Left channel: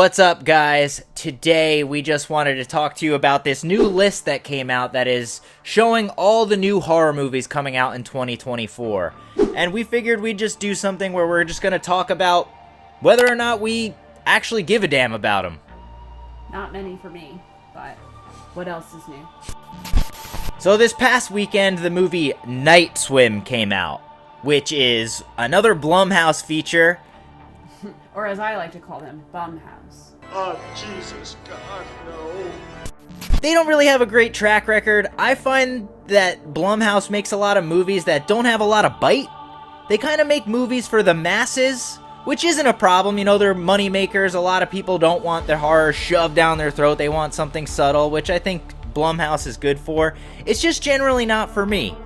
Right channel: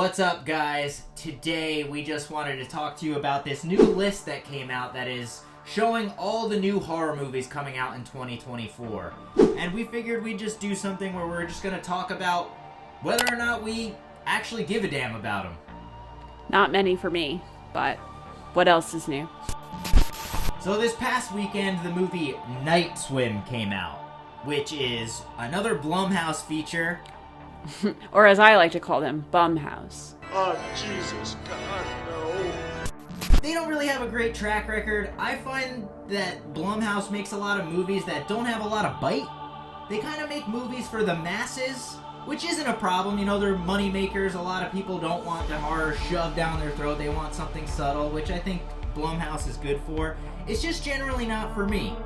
What's up, guys? Today we just wanted to talk to you about this new list that came out that is showing all the new horror movies coming out in 2024. And we figured we'd just do something where we're just going to talk about whether or not we actually give a damn about them. Not many for me, but what else is new? So this past weekend, the movie Night Swim came out, which is another Blumhouse feature. Or as I like to call them, Blumhouse. Oh, Jesus, God, no. They don't really have a great track record. I find that Blumhouse makes a lot of movies that don't have a lot of bite. They kind of make movies for the masses, which isn't a problem. You know, they're money makers. A lot of people don't want their horror shoved down their throat. They want something subtle, which I think Blumhouse is good for. It's just generally not for me.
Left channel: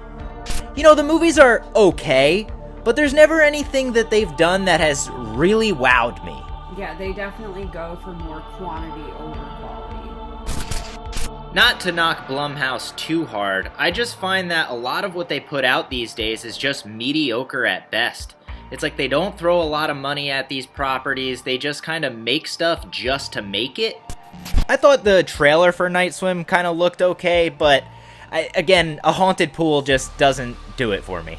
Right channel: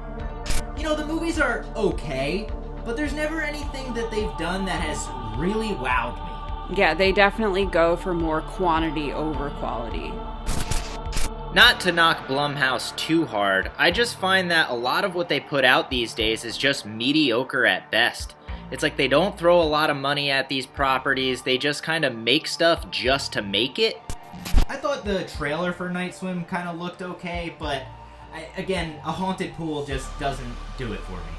You know, the movies are okay, but there's never anything that they've done that has really wowed me. Yeah, they definitely go for more quantity over quality. Not to knock Blumhouse too hard, I just find that a lot of what they put out these days is just mediocre at best. It's like they don't throw a lot of money at these properties, they just kind of make stuff just to make it. I thought the trailer for Night Swim kind of looked okay, but again, a haunted pool just doesn't do it for me.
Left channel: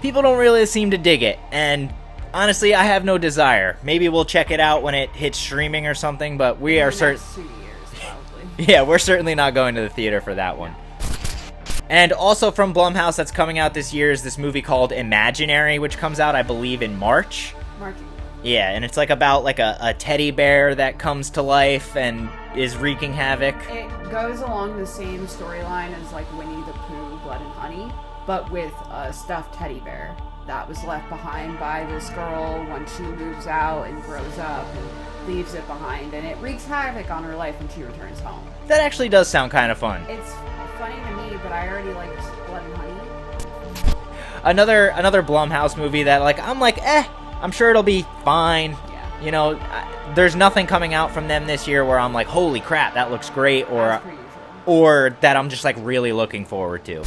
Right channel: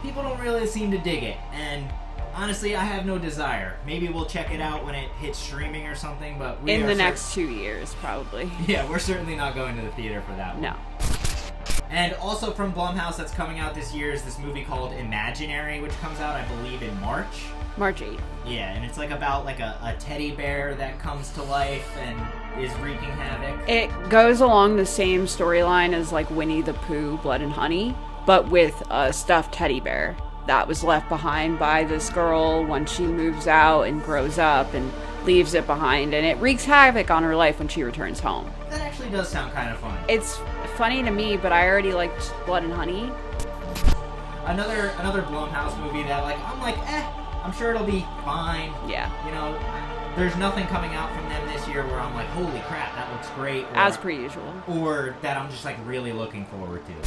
People don't really seem to dig it, and honestly, I have no desire. Maybe we'll check it out when it hits streaming or something, but we are in the next 2 years, probably. Yeah, we're certainly not going to the theater for that one. No. And also from Blumhouse that's coming out this year is this movie called Imaginary, which comes out, I believe, in March. March 8th. Yeah, and it's like about like a teddy bear that comes to life and is wreaking havoc. It goes along the same storyline as like Winnie the Pooh, Blood and Honey, but with a stuffed teddy bear that was left behind by this girl when she moves out and grows up and leaves it behind, and it wreaks havoc on her life when she returns home. That actually does sound kind of fun. It's funny to me, but I already liked Blood and Honey. Another Blumhouse movie that I'm like, I'm sure it'll be fine. Yeah. You know, there's nothing coming out from them this year where I'm like, holy crap, that looks great. Or, as per usual. Or that I'm just like really looking forward to.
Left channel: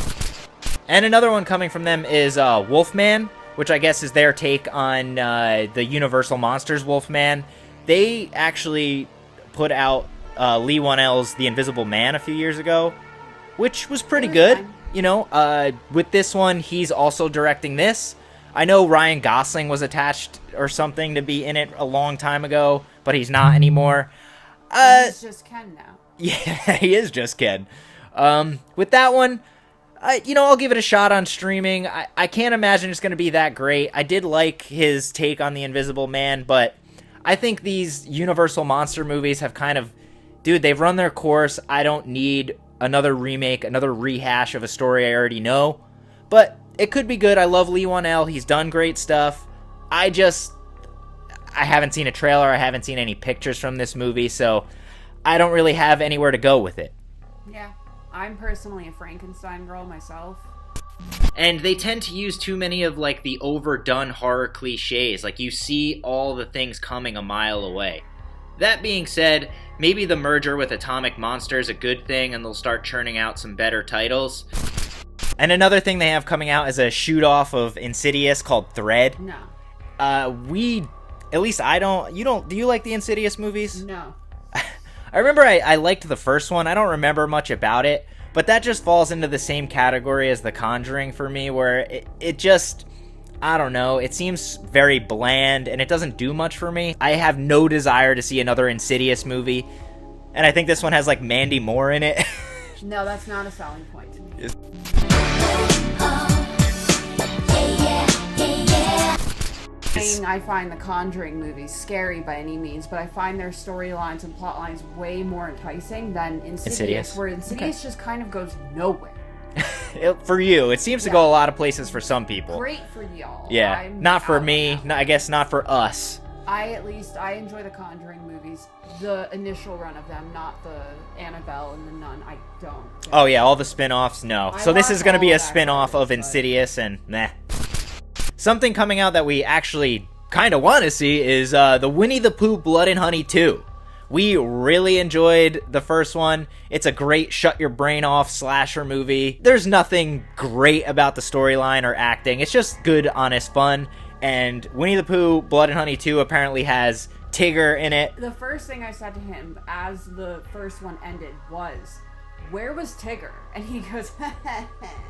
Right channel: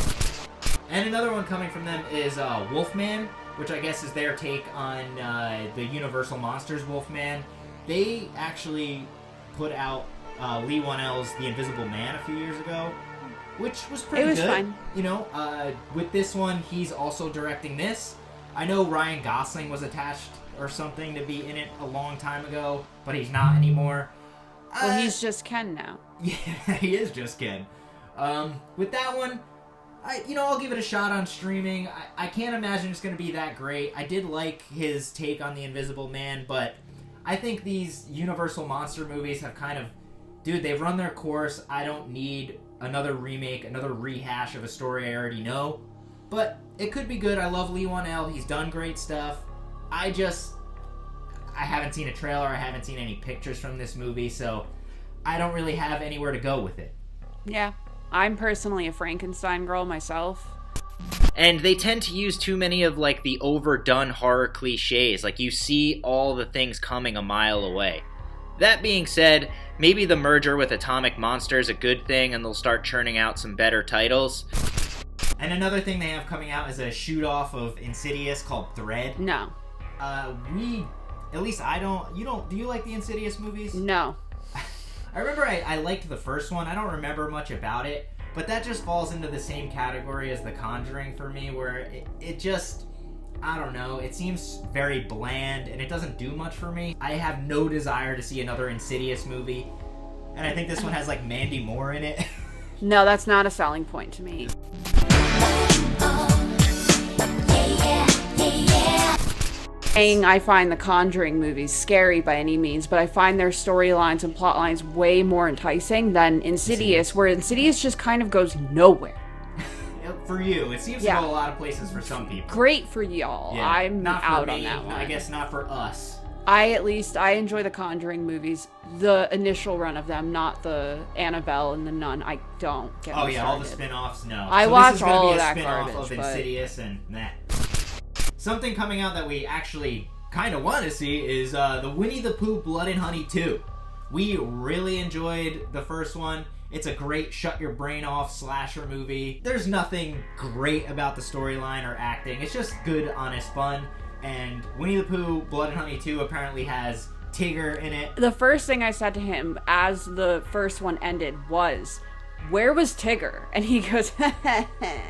And another one coming from them is Wolfman, which I guess is their take on the Universal Monsters Wolfman. They actually put out Lee Whannell's The Invisible Man a few years ago, which was pretty good. Fine. You know, with this one, he's also directing this. I know Ryan Gosling was attached or something to be in it a long time ago, but he's not anymore. Well, he's just Ken now. Yeah, he is just Ken. With that one, I'll give it a shot on streaming. I can't imagine it's going to be that great. I did like his take on The Invisible Man, but I think these Universal Monster movies have kind of... Dude, they've run their course. I don't need another remake, another rehash of a story I already know. But it could be good. I love Lee Whannell. He's done great stuff. I haven't seen a trailer. I haven't seen any pictures from this movie, so I don't really have anywhere to go with it. Yeah. I'm personally a Frankenstein girl myself. And they tend to use too many of the overdone horror cliches. Like, you see all the things coming a mile away. That being said, maybe the merger with Atomic Monster is a good thing and they'll start churning out some better titles. And another thing they have coming out is a shoot-off of Insidious called Thread. No. At least I don't... Do you like the Insidious movies? No. I remember I liked the first one. I don't remember much about it, but that just falls into the same category as The Conjuring for me, where it just, I don't know, it seems very bland, and it doesn't do much for me. I have no desire to see another Insidious movie, and I think this one has, Mandy Moore in it. No, that's not a selling point to me. I find the Conjuring movies scary by any means, but I find their storylines and plot lines way more enticing than Insidious. Where Insidious just kind of goes nowhere. For you, it seems to go a lot of places for some people. Great for y'all. Yeah, I'm not for out me. on that I guess not for us. I enjoy the Conjuring movies, the initial run of them, not the Annabelle and the Nun. I don't. Oh yeah, all the spin-offs, no. I So this is watch going to be all a that spin-off of garbage, but- Insidious, and meh. Something coming out that we actually kind of want to see is the Winnie the Pooh Blood and Honey 2. We really enjoyed the first one. It's a great shut-your-brain-off slasher movie. There's nothing great about the storyline or acting. It's just good, honest fun. And Winnie the Pooh Blood and Honey 2 apparently has Tigger in it. The first thing I said to him as the first one ended was, where was Tigger? And he goes,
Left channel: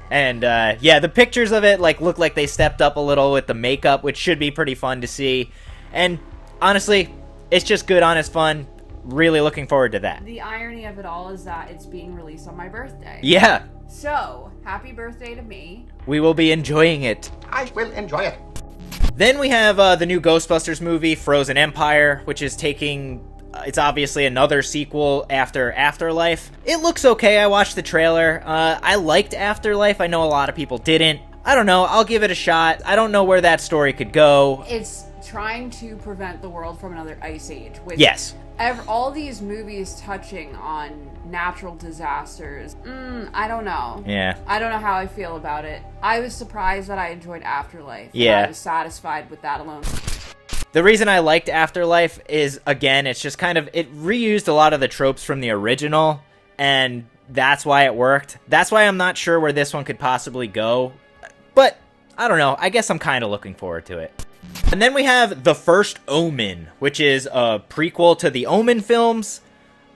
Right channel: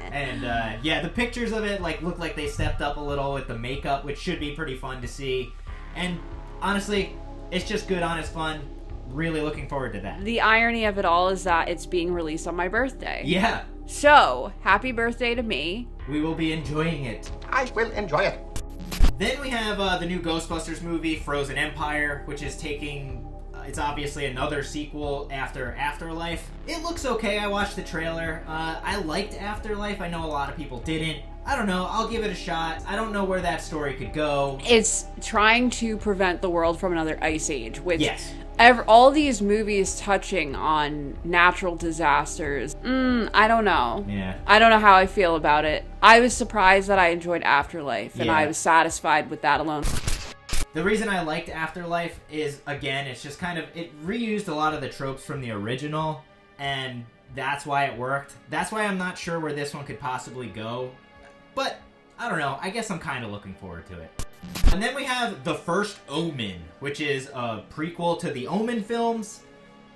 And yeah, the pictures of it like look like they stepped up a little with the makeup, which should be pretty fun to see. And honestly, it's just good, honest fun. Really looking forward to that. The irony of it all is that it's being released on my birthday. Yeah. So, happy birthday to me. We will be enjoying it. I will enjoy it. Then we have the new Ghostbusters movie, Frozen Empire, which is taking... it's obviously another sequel after Afterlife. It looks okay. I watched the trailer. I liked Afterlife. I know a lot of people didn't. I don't know. I'll give it a shot. I don't know where that story could go. It's trying to prevent the world from another ice age. With Yes. all these movies touching on natural disasters. I don't know. Yeah. I don't know how I feel about it. I was surprised that I enjoyed Afterlife. And Yeah. I was satisfied with that alone. The reason I liked Afterlife is, again, it's just kind of... it reused a lot of the tropes from the original, and that's why it worked. That's why I'm not sure where this one could possibly go. But, I don't know. I guess I'm kind of looking forward to it. And then we have The First Omen, which is a prequel to the Omen films.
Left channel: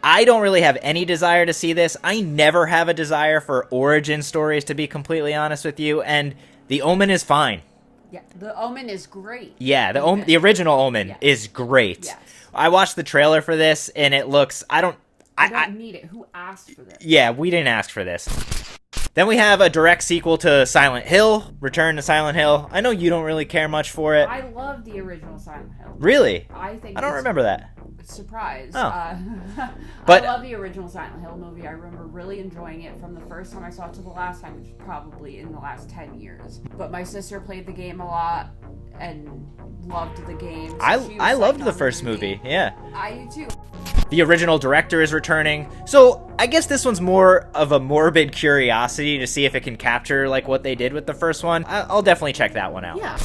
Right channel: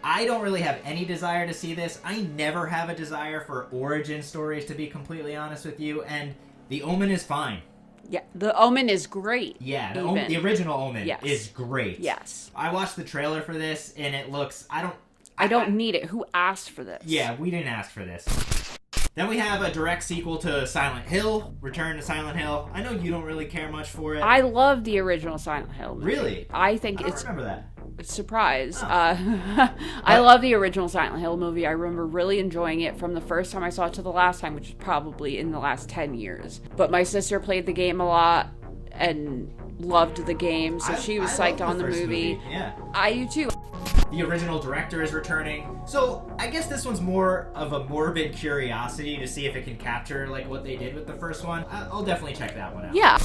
I don't really have any desire to see this. I never have a desire for origin stories, to be completely honest with you, and The Omen is fine. Yeah, The Omen is great. Yeah, the original Omen Yes. is great. Yes. I watched the trailer for this, and it looks... I don't need it. Who asked for this? Yeah, we didn't ask for this. Then we have a direct sequel to Silent Hill, Return to Silent Hill. I know you don't really care much for it. I love the original Silent Hill. Really? I think I don't remember that. Surprise. Oh. I But- love the original Silent Hill movie. I remember really enjoying it from the first time I saw it to the last time, which is probably in the last 10 years. But my sister played the game a lot and loved the game, so she was I psyched loved the on first movie. Yeah. I do too. The original director is returning. So I guess this one's more of a morbid curiosity to see if it can capture like what they did with the first one. I'll definitely check that one out. Yeah.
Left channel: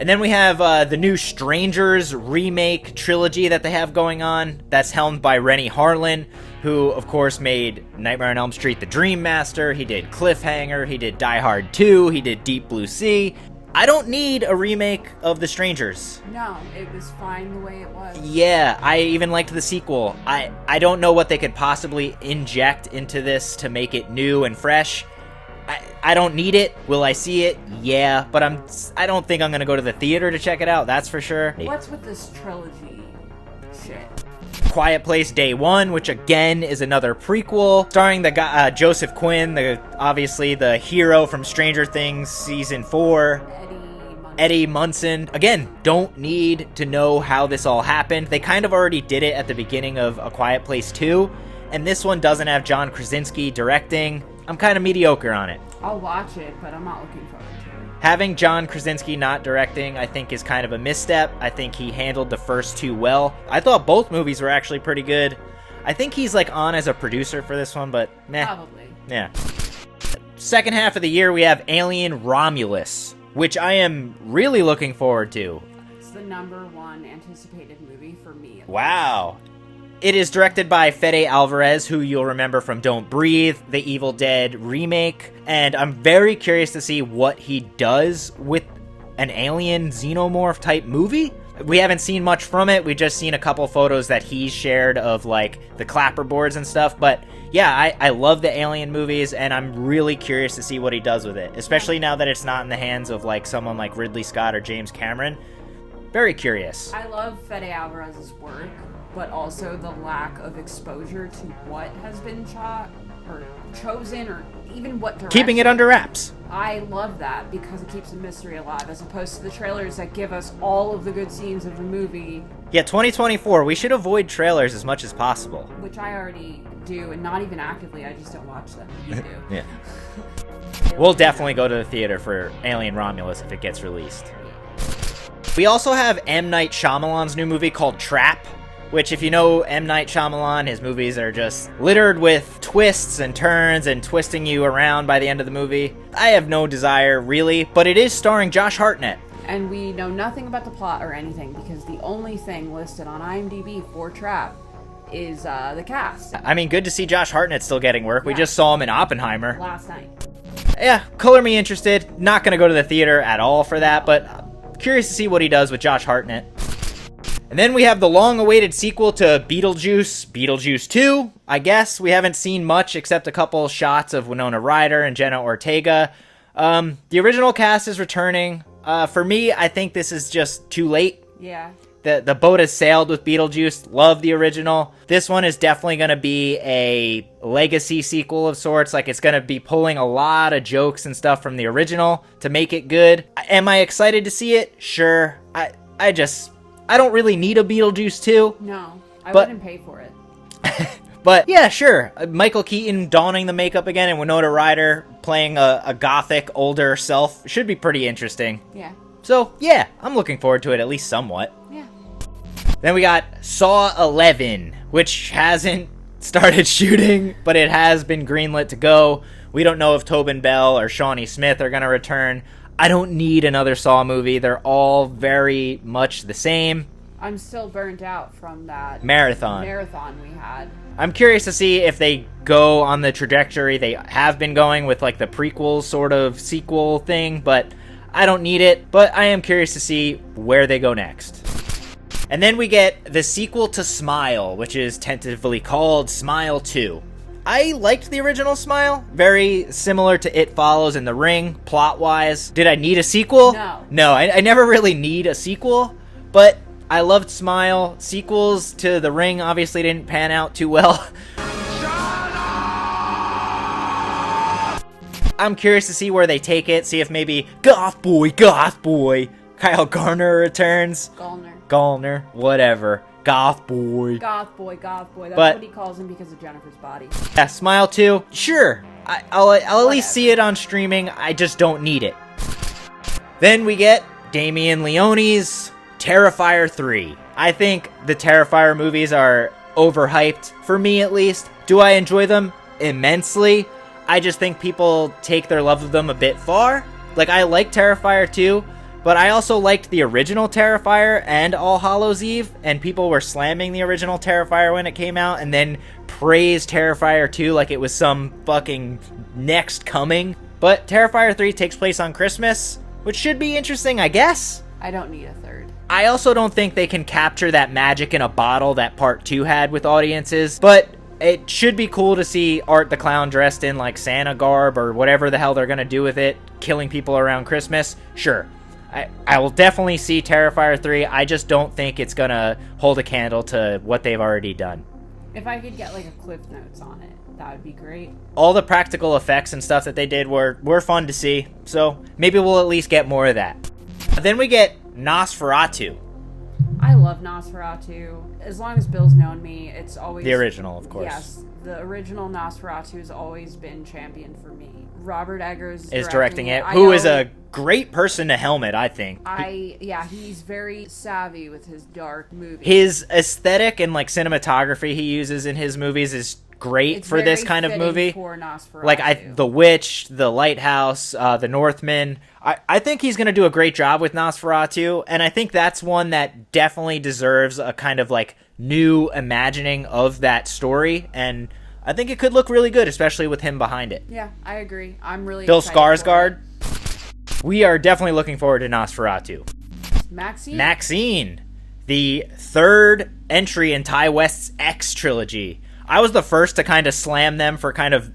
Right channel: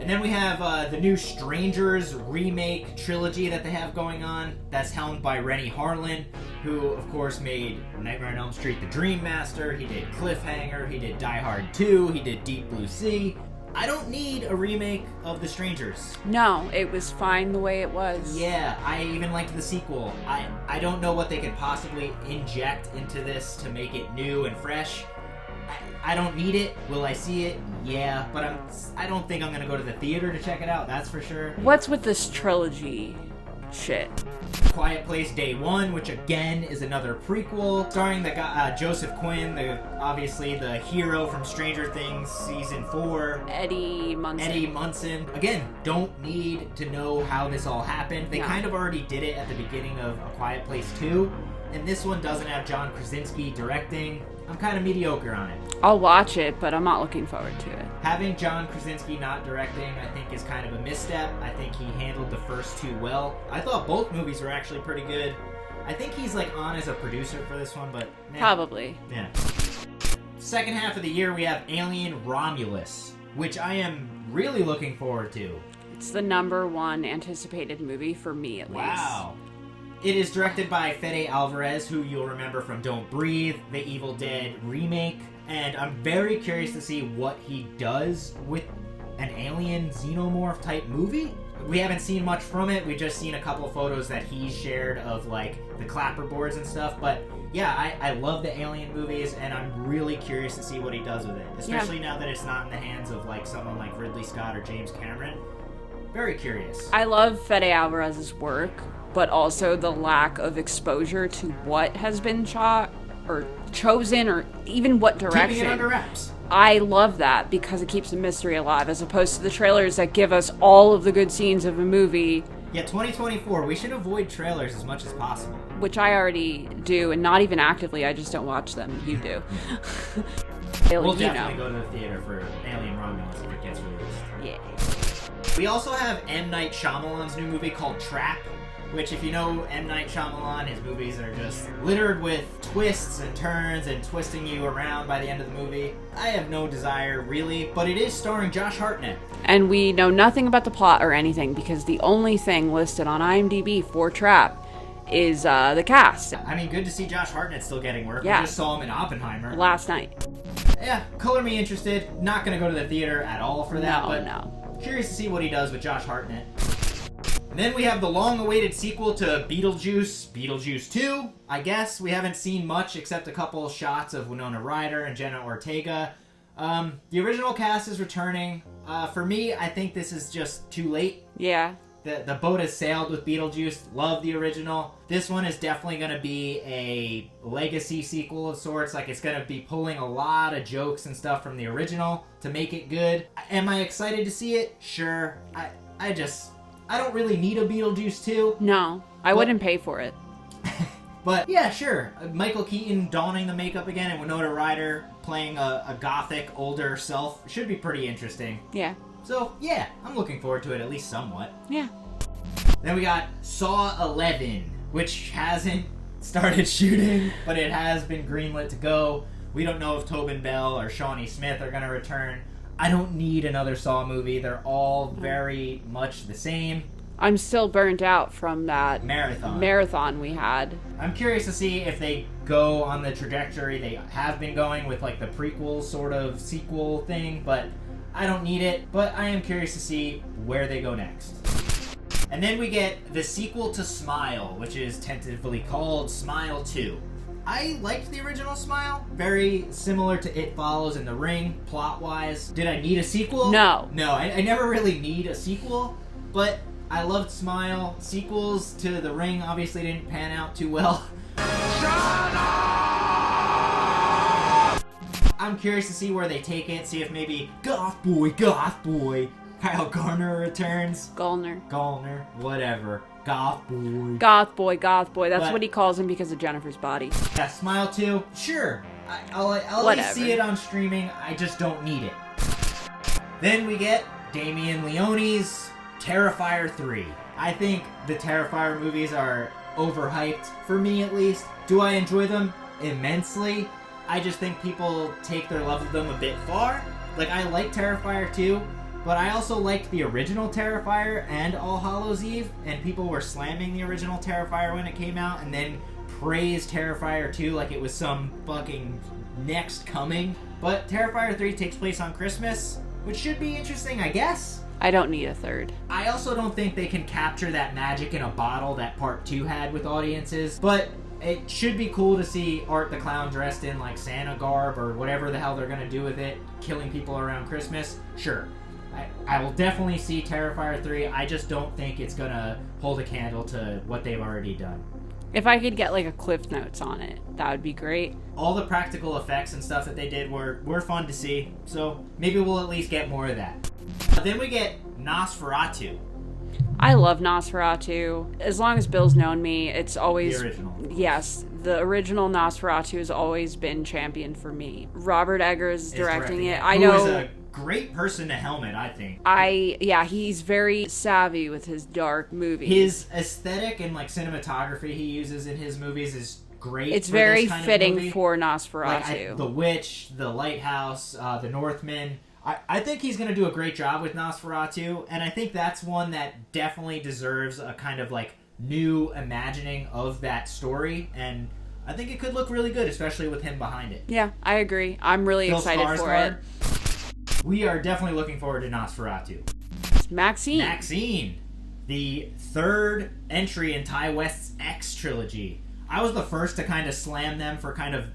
And then we have the new Strangers remake trilogy that they have going on. That's helmed by Rennie Harlin, who, of course, made Nightmare on Elm Street: The Dream Master. He did Cliffhanger. He did Die Hard 2. He did Deep Blue Sea. I don't need a remake of The Strangers. No, it was fine the way it was. Yeah, I even liked the sequel. I don't know what they could possibly inject into this to make it new and fresh. I don't need it. Will I see it? Yeah, but I don't think I'm gonna go to the theater to check it out. That's for sure. What's with this trilogy shit? Quiet Place Day One, which again is another prequel, starring the guy Joseph Quinn, obviously the hero from Stranger Things season 4. Eddie Munson. Again, don't need to know how this all happened. They kind of already did it at the beginning of A Quiet Place 2, and this one doesn't have John Krasinski directing. I'm kind of mediocre on it. I'll watch it, but I'm not looking forward to it. Having John Krasinski not directing, I think, is kind of a misstep. I think he handled the first two well. I thought both movies were actually pretty good. I think he's like on as a producer for this one, but meh. Probably. Yeah. Second half of the year, we have Alien Romulus, which I am really looking forward to. It's the #1 anticipated movie for me, at Wow. It is directed by Fede Alvarez, who you'll remember from Don't Breathe, the Evil Dead remake, and I'm very curious to see what he does with an alien xenomorph type movie. We haven't seen much from it. We've just seen a couple photos that he's shared of like the clapper boards and stuff, but yeah, I love the Alien movies, and I'm really curious to see what he does with it, especially now that it's not in the hands of like someone like Ridley Scott or James Cameron. Very curious. I love Fede Alvarez's work, but also the lack of exposure to what has been shot or chosen, or even what direction. Keeping it under wraps. I love that because it keeps the mystery alive, as opposed to the trailers that give us all of the good scenes of a movie. Yeah, 2024, we should avoid trailers as much as possible. Which I already do, and not even actively, I just don't watch them. You do. Yeah. We'll definitely go to the theater for Alien Romulus if it gets released. Yeah. We also have M. Night Shyamalan's new movie called Trap, which, if you know M. Night Shyamalan, his movies are just littered with twists and turns and twisting you around by the end of the movie. I have no desire, really, but it is starring Josh Hartnett. And we know nothing about the plot or anything, because the only thing listed on IMDb for Trap is the cast. I mean, good to see Josh Hartnett still getting work. Yeah. We just saw him in Oppenheimer. Last night. Yeah, color me interested. Not gonna go to the theater at all for that, but No. curious to see what he does with Josh Hartnett. And then we have the long-awaited sequel to Beetlejuice 2, I guess. We haven't seen much except a couple shots of Winona Ryder and Jenna Ortega. The original cast is returning. For me, I think this is just too late. Yeah. The boat has sailed with Beetlejuice. Love the original. This one is definitely going to be a legacy sequel of sorts. Like, it's going to be pulling a lot of jokes and stuff from the original to make it good. Am I excited to see it? Sure. I don't really need a Beetlejuice 2. No, I wouldn't pay for it. But yeah, sure. Michael Keaton donning the makeup again and Winona Ryder playing a gothic, older self should be pretty interesting. Yeah. So, yeah, I'm looking forward to it at least somewhat. Yeah. Then we got Saw 11, which hasn't started shooting, but it has been greenlit to go. We don't know if Tobin Bell or Shawnee Smith are going to return. I don't need another Saw movie. They're all very much the same. I'm still burnt out from that marathon we had. I'm curious to see if they go on the trajectory they have been going with like the prequel sort of sequel thing, but I don't need it. But I am curious to see where they go next. And then we get the sequel to Smile, which is tentatively called Smile 2. I liked the original Smile. Very similar to It Follows and The Ring, plot-wise. Did I need a sequel? No. No, I never really need a sequel, but I loved Smile. Sequels to The Ring obviously didn't pan out too well. I'm curious to see where they take it, see if maybe Goth Boy, Kyle Garner returns. Gallner, whatever. Goth Boy. That's what he calls him because of Jennifer's body. Yeah, Smile 2, sure. I'll at least see it on streaming. I just don't need it. Then we get Damien Leone's Terrifier 3. I think the Terrifier movies are overhyped, for me at least. Do I enjoy them? Immensely. I just think people take their love of them a bit far. Like, I like Terrifier 2, but I also liked the original Terrifier and All Hallows Eve, and people were slamming the original Terrifier when it came out, and then praised Terrifier 2 like it was some fucking next coming. But Terrifier 3 takes place on Christmas, which should be interesting, I guess. I don't need a third. I also don't think they can capture that magic in a bottle that Part 2 had with audiences, but it should be cool to see Art the Clown dressed in like Santa garb or whatever the hell they're gonna do with it, killing people around Christmas. Sure. I will definitely see Terrifier 3. I just don't think it's gonna hold a candle to what they've already done. If I could get like a Cliff Notes on it, that would be great. All the practical effects and stuff that they did were fun to see, so maybe we'll at least get more of that. Then we get Nosferatu. I love Nosferatu. As long as Bill's known me, it's always... The original, of course. Yes, the original Nosferatu has always been championed for me. Robert Eggers is directing it. Who is a great person to helm it, I think. He's very savvy with his dark movies. His aesthetic and like cinematography he uses in his movies is great for this kind of movie. It's very fitting for Nosferatu. Like The Witch, The Lighthouse, The Northman. I think he's going to do a great job with Nosferatu, and I think that's one that definitely deserves a kind of like new imagining of that story, and I think it could look really good, especially with him behind it. Yeah, I agree. I'm really Bill excited Skarsgård. for it. We are definitely looking forward to Nosferatu. Maxxxine, the third entry in Ty West's X trilogy. I was the first to kind of slam them for kind of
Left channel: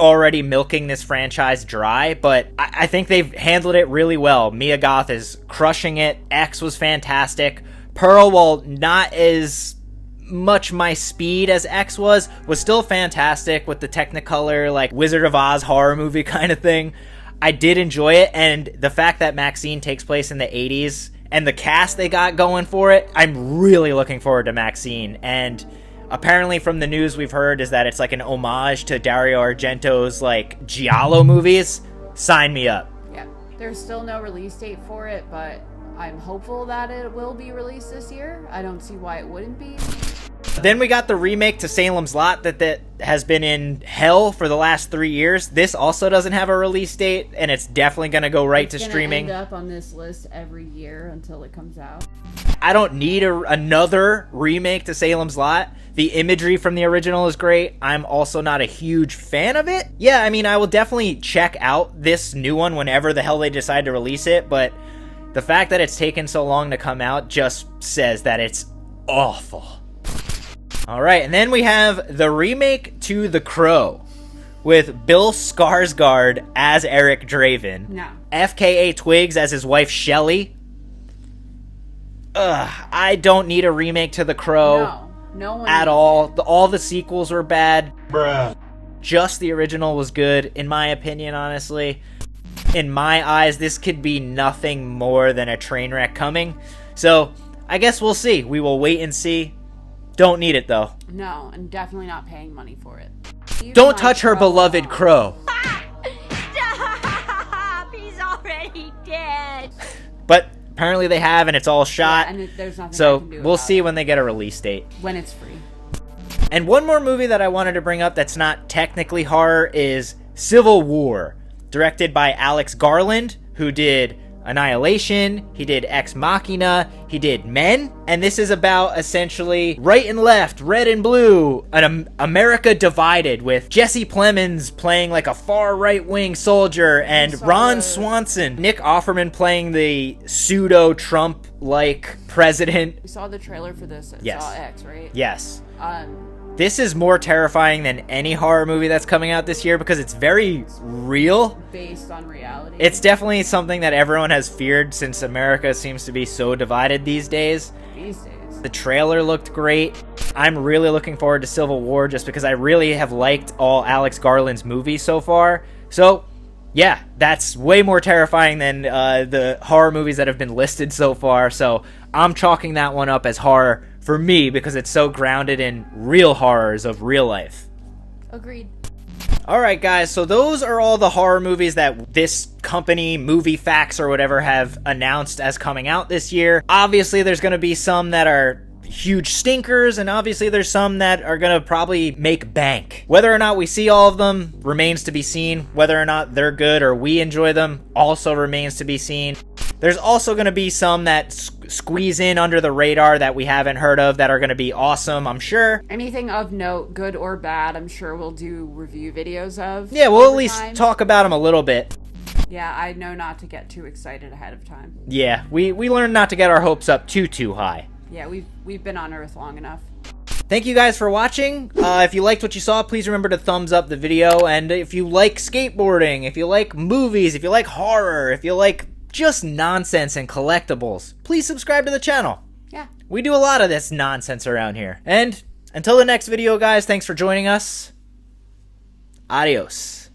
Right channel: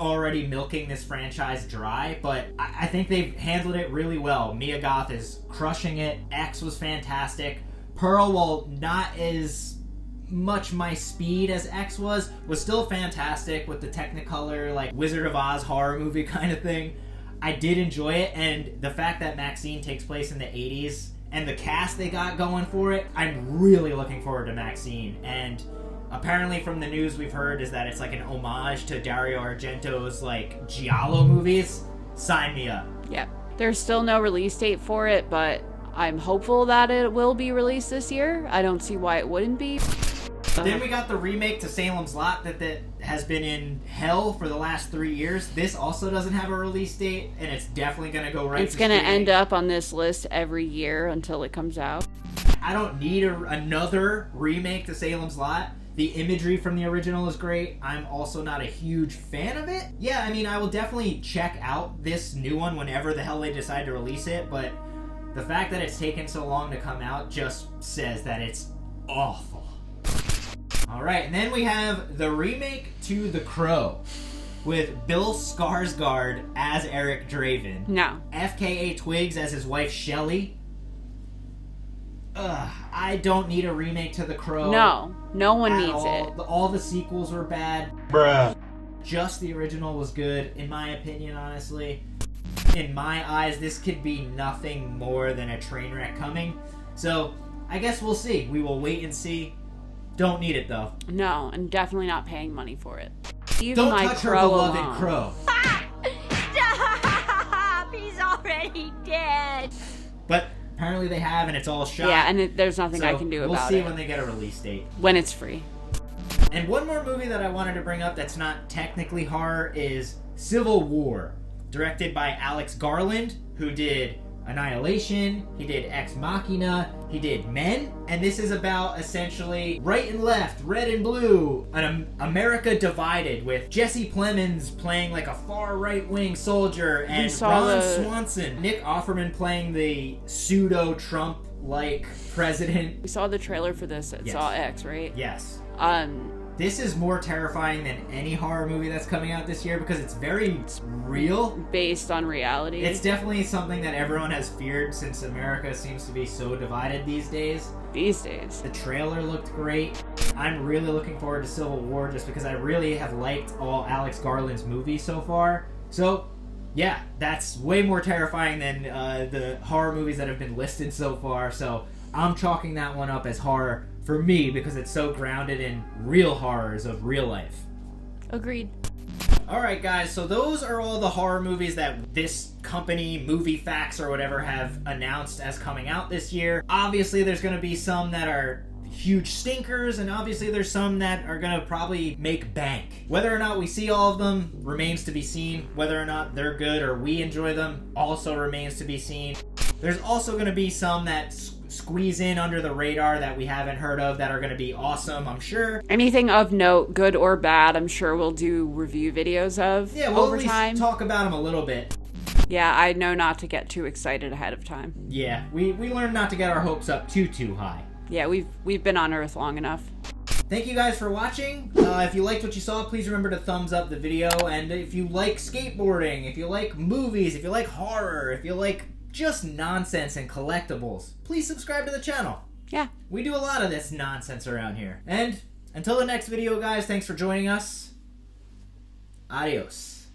already milking this franchise dry, but I think they've handled it really well. Mia Goth is crushing it. X was fantastic. Pearl, while not as much my speed as X was still fantastic with the Technicolor, like Wizard of Oz horror movie kind of thing. I did enjoy it, and the fact that Maxxxine takes place in the 80s and the cast they got going for it, I'm really looking forward to Maxxxine. And apparently from the news we've heard is that it's like an homage to Dario Argento's like Giallo movies. Sign me up. Yeah. There's still no release date for it, but I'm hopeful that it will be released this year. I don't see why it wouldn't be. Then we got the remake to Salem's Lot that has been in hell for the last 3 years. This also doesn't have a release date, and it's definitely going to go right to streaming. It's going to end up on this list every year until it comes out. I don't need another remake to Salem's Lot. The imagery from the original is great. I'm also not a huge fan of it. Yeah, I mean, I will definitely check out this new one whenever the hell they decide to release it, but the fact that it's taken so long to come out just says that it's awful. Alright, and then we have the remake to The Crow with Bill Skarsgård as Eric Draven. No. FKA Twigs as his wife Shelley. I don't need a remake to The Crow. No one at needs all. it. All the sequels were bad. Bruh. Just the original was good, in my opinion, honestly. In my eyes, this could be nothing more than a train wreck coming. So, I guess we'll see. We will wait and see. Don't need it, though. No, and definitely not paying money for it. Leave Don't my touch her Crow beloved alone. Crow. Stop! He's already dead. But apparently they have, and it's all shot. Yeah, and there's nothing so I can do about we'll see it. when they get a release date. When it's free. And one more movie that I wanted to bring up that's not technically horror is Civil War, directed by Alex Garland, who did Annihilation, he did Ex Machina, he did Men, and this is about essentially right and left, red and blue, an America divided, with Jesse Plemons playing like a far right-wing soldier, and Ron Swanson, Nick Offerman playing the pseudo-Trump-like president. We saw the trailer for this at Yes. Saw X, right? Yes. This is more terrifying than any horror movie that's coming out this year because it's very real. Based on reality. It's definitely something that everyone has feared since America seems to be so divided these days. These days. The trailer looked great. I'm really looking forward to Civil War just because I really have liked all Alex Garland's movies so far. So, yeah, that's way more terrifying than the horror movies that have been listed so far. So, I'm chalking that one up as horror for me because it's so grounded in real horrors of real life. Agreed. Alright guys, so those are all the horror movies that this company, Movie Facts or whatever, have announced as coming out this year. Obviously there's going to be some that are huge stinkers, and obviously there's some that are going to probably make bank. Whether or not we see all of them remains to be seen. Whether or not they're good or we enjoy them also remains to be seen. There's also going to be some that squeeze in under the radar that we haven't heard of that are going to be awesome, I'm sure. Anything of note, good or bad, I'm sure we'll do review videos of. Yeah, we'll over at least time. talk about them a little bit. Yeah, I know not to get too excited ahead of time. Yeah, we learned not to get our hopes up too high. Yeah, we've been on Earth long enough. Thank you guys for watching. If you liked what you saw, please remember to thumbs up the video. And if you like skateboarding, if you like movies, if you like horror, if you like just nonsense and collectibles, please subscribe to the channel. Yeah. We do a lot of this nonsense around here. And until the next video, guys, thanks for joining us. Adios.